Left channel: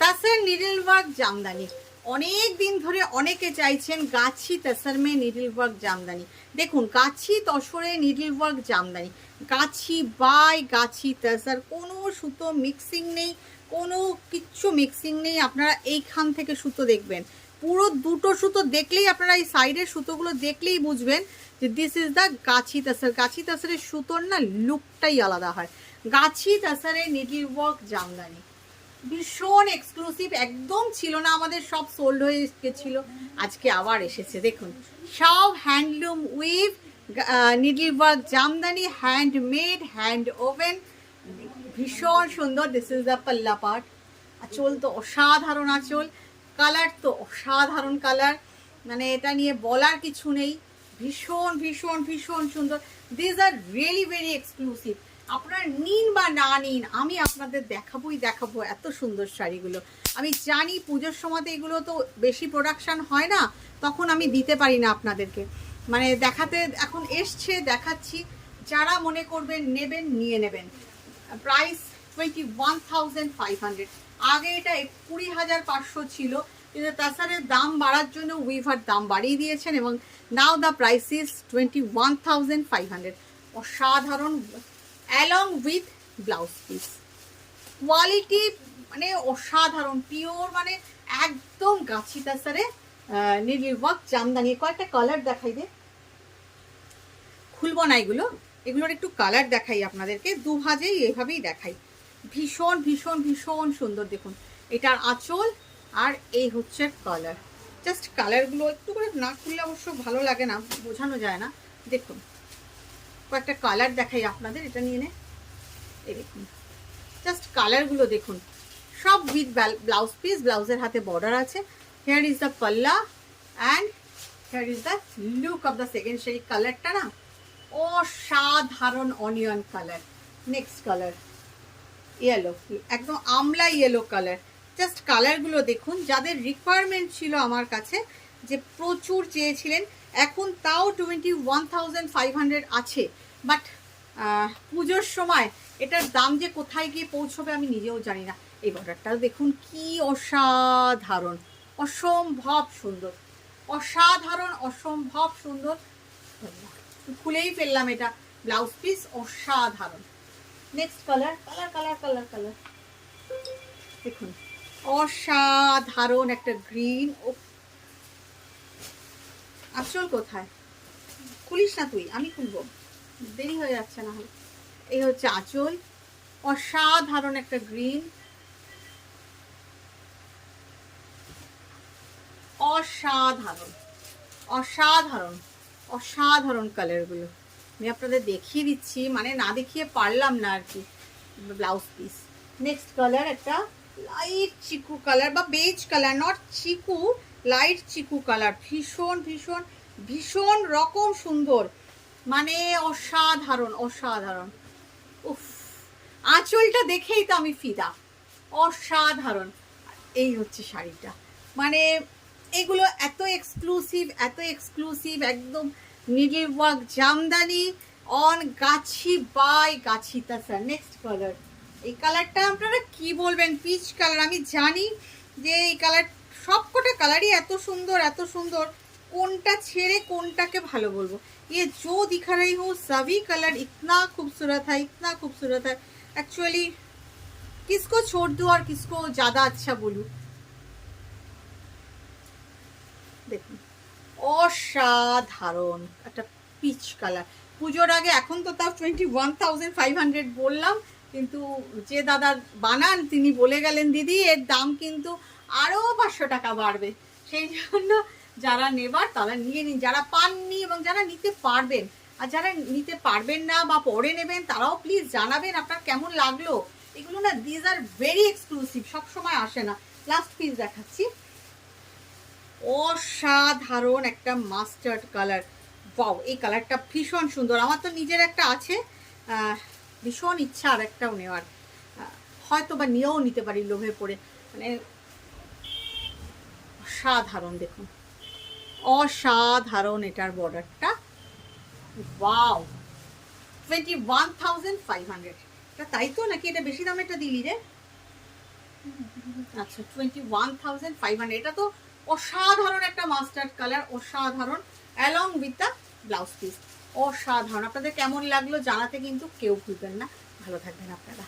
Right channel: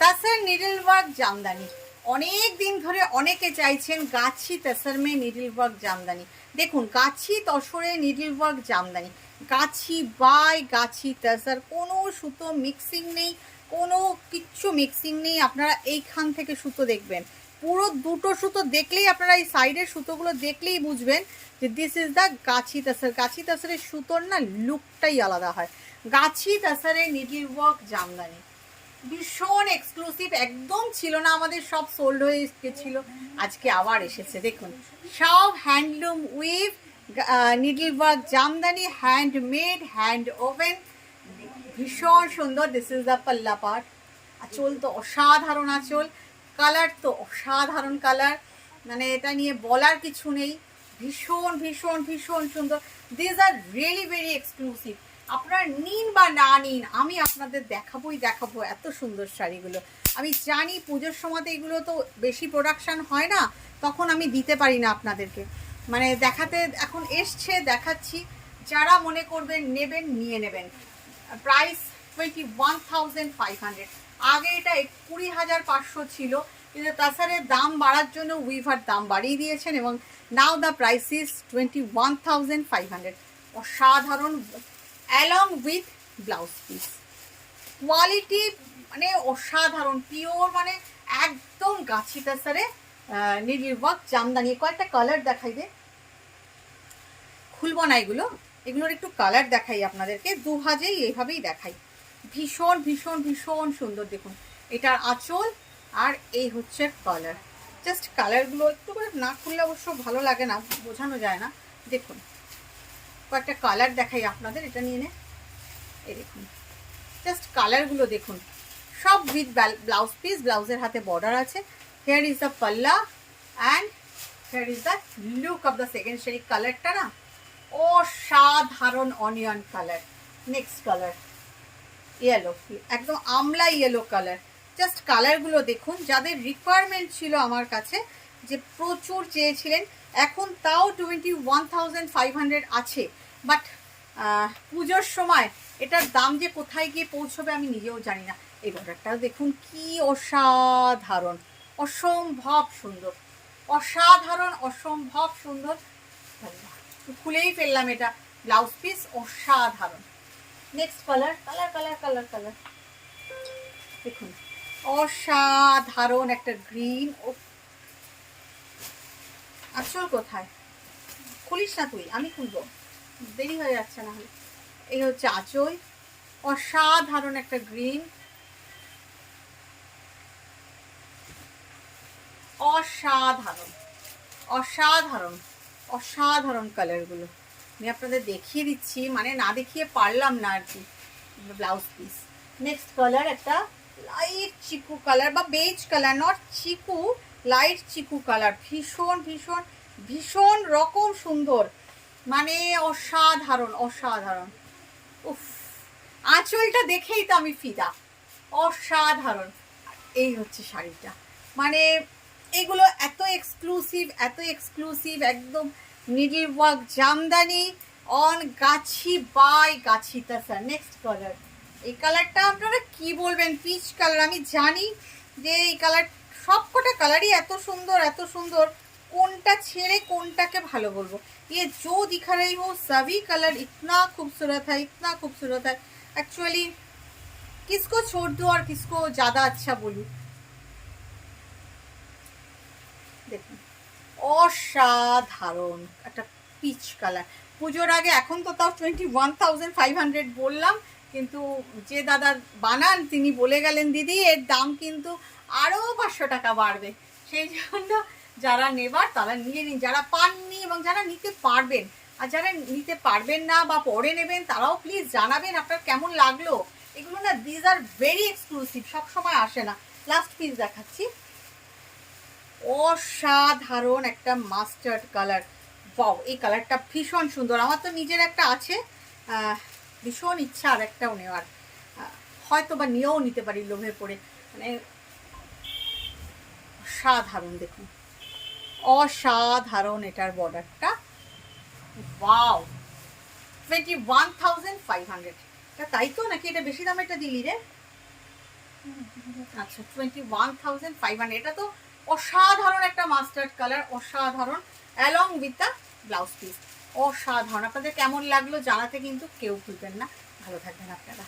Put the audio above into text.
तसर needle work Jamdani অনেক দিন ধরে অনেকে চাইছেন গাছি তসর মে নিডল ওয়ার্ক জামদানি। দেখুন গাছি তসরে needle work Jamdani, Gachhi by গাছি তসর, কোনো সুতো মিক্সিং নেই, কোনো কিচ্ছু মিক্সিং নেই। আপনারা এইখান থেকে সুতো দেখবেন, পুরো দুটো সুতো দেখলেই আপনারা এই সাইডের সুতোগুলো দেখলেই বুঝবেন যে দিস ইজ দ্য গাছি তসর। গাছি তসরের সুতোর না লুকটাই আলাদা হয়। গাছি তসরের নিডল ওয়ার্ক জামদানি ভীষণ এক্সক্লুসিভ, একদম ছিল না আমাদের, সব সোল্ড হয়ে গেছিলো, আজকে আবার এসেছে। দেখুন সব handloom we've needle work Jamdani, handmade, hand woven, ভীষণ সুন্দর। দিস ইজ দ্য পাল্লা পার্ট। আঁচল তো অসাধারণ আঁচল, কালার তো অসাধারণ কালার, মানে এটা নিয়ে বলার কিছু নেই। ভীষণ ভীষণ ভীষণ সুন্দর। This are really very exclusive. আপনারা নিন বা না নিন, আমি আপনাদের দেখাবোই দেখাবো এত সুন্দর শাড়িগুলো। আমি জানি পুজোর সময় এগুলো তো বেশি প্রোডাকশান হয় না, তখন আমি দিতে পারি না আপনাদেরকে, মানে দেখাতে এখন এসছে দেখাচ্ছি। যারা মনে করবেন নেবেন নিয়ে নেবেন। প্রাইস 21,500। আগে এটা 20,500 ছিল, কিন্তু তাছাড়া দাম বাড়ার জন্য উইভার দাম বাড়িয়ে দিয়েছেন এবং নাও দ্য প্রাইস ইজ 21,500। অসাধারণ, along with blouse piece, quality মানে অসাধারণ, পিওর, মানে একদম গাছি তাসারে নিডল ওয়ার্ক জামদানি। কয়েকটা কালার দেখাই দে, খুলব না এগুলো, এগুলোর একটু কালার দেখাই আপনাদেরকে, দু ভাজেই এভাবেই দেখাই। ভীষণ ভীষণ ভীষণ সুন্দর। দেখুন এটার আঁচল আর এই হচ্ছে কালার। জাস্ট কালারগুলো একটু করে না খুললে অবশ্য ভালো লাগে না, বোঝানো যায় না। দেখুন কয়েকটা কালার দেখাই আপনাদের, এটা নিয়ে নে। এই দেখুন জাস্ট কালারগুলো দেখুন, সব উইথ ব্লাউজ পিস, ব্লাউজের হাতে বর্ডার আছে। হেয়ার ইজ দ্য পাল্লা and hair is the look of the second sari. কালারটা না অসাধারণ onion colour. Next colour yellow, একদম আমলা ইয়েলো কালার। জাস্ট কালারগুলো দেখুন, যাদের রিকোয়ারমেন্ট ছিল আমার কাছে, যে প্রচুর চেয়েছিলেন, এখন তাও 21,500 আছে। বাট পুজোর সময় এটার দাম যে কোথায় গিয়ে পৌঁছবে আমি নিজেও জানি না। এই বর্ডারটা দেখুন কি অসাধারণ, অসম্ভব সুন্দর, অসাধারণ অসম্ভব সুন্দর। খুলেই ফেললাম এটা, ব্লাউজ পিস অসাধারণ। Next colour, colour colour colour colour দেখুন, অসাধারণ একটা গ্রিন। ও আসল কোথায়, খুলিস না তুই, আমি খুলবো, দেরি হয়ে যাচ্ছে না হলে। এই হচ্ছে আঁচল, অসাধারণ একটা গ্রিন, অসাধারণ অসাধারণ অসাধারণ কালারগুলো আমি আপনাদের দেখিয়ে দিচ্ছি, মানে না দেখিয়ে পারলাম না আর কি। Blouse piece. নেক্সট কালার একটা লাইট চিকু কালার বা beige colour, not Chiku, light Chiku colour. ভীষণ ভীষণ ভীষণ রকম সুন্দর, মানে অসাধারণ অসাধারণ। উফ, আঁচলটা দেখেই তো আমি ফিদা, অসাধারণ। এই হচ্ছে শাড়িটা, মানে এগুলো এত এক্সক্লুসিভ, এত এক্সক্লুসিভ, একদম needle work Jamdani on Gachhi by Gachhi তাসার। Next colour, এই কালারটা আপনারা কি বলবেন, পিচ কালার। আমি জানি যে এই কালার, সবকটা কালারই এত সুন্দর এত সুন্দর, কোনটা ছেড়ে কোনটাকে ভালো বলবো। ये जो दिखा रही हूँ सभी कलर इतना खूबसूरत है, इतना खूबसूरत है। एक्चुअली किसको छोड़ दूँ और किसको ज़्यादा अच्छा बोलूँ। দেখুন অসাধারণ একটা পিচ কালার। পুজোর আগে, এখন তো তাও 21,500 বললাম, কিন্তু যে দাদা বানান তিনি বলে গেলেন দিদি এর দাম কিন্তু আরও 500 টাকা বাড়বে। সেই জন্য যারা নেবার তারা নিয়ে নিন, যারা পাননি এবং যারা নিতে পারবেন, আর যারা নিতে পারবেন না বা পরে নেবেন তারাও প্লিজ জানাবেন আপনার কেমন লাগলো। এগুলো না দিজ আর ভেরি এক্সক্লুসিভ, সবসময় আসে না। লাস্ট পিস দেখাচ্ছি, অসাধারণ একটা মাস্টার্ড কালার। বাও, এই কালারটা ভীষণ সুন্দর। আমার তো নিজের একটা আছে, ভীষণ ইচ্ছা আর একটাও নেওয়ার, হয়তো বা নিয়েও নিতে পারি লোভে পড়ে। মানে অসাধারণ, দেখুন অসাধারণ এটার বর্ডারটা। ওয়াও, 21,500। তাই তো নাকি এটা বেশি দামেরটা দিলি রে? আচ্ছা 21,500, এটা তো অসাধারণ একটা মাস্টার্ড কালার, অসাধারণ, along with the blouse piece, অসাধারণ। আপনাদের কেমন লাগলো জানাতে কিন্তু কেউ ভুলবেন না। ভালো থাকবেন আপনারা।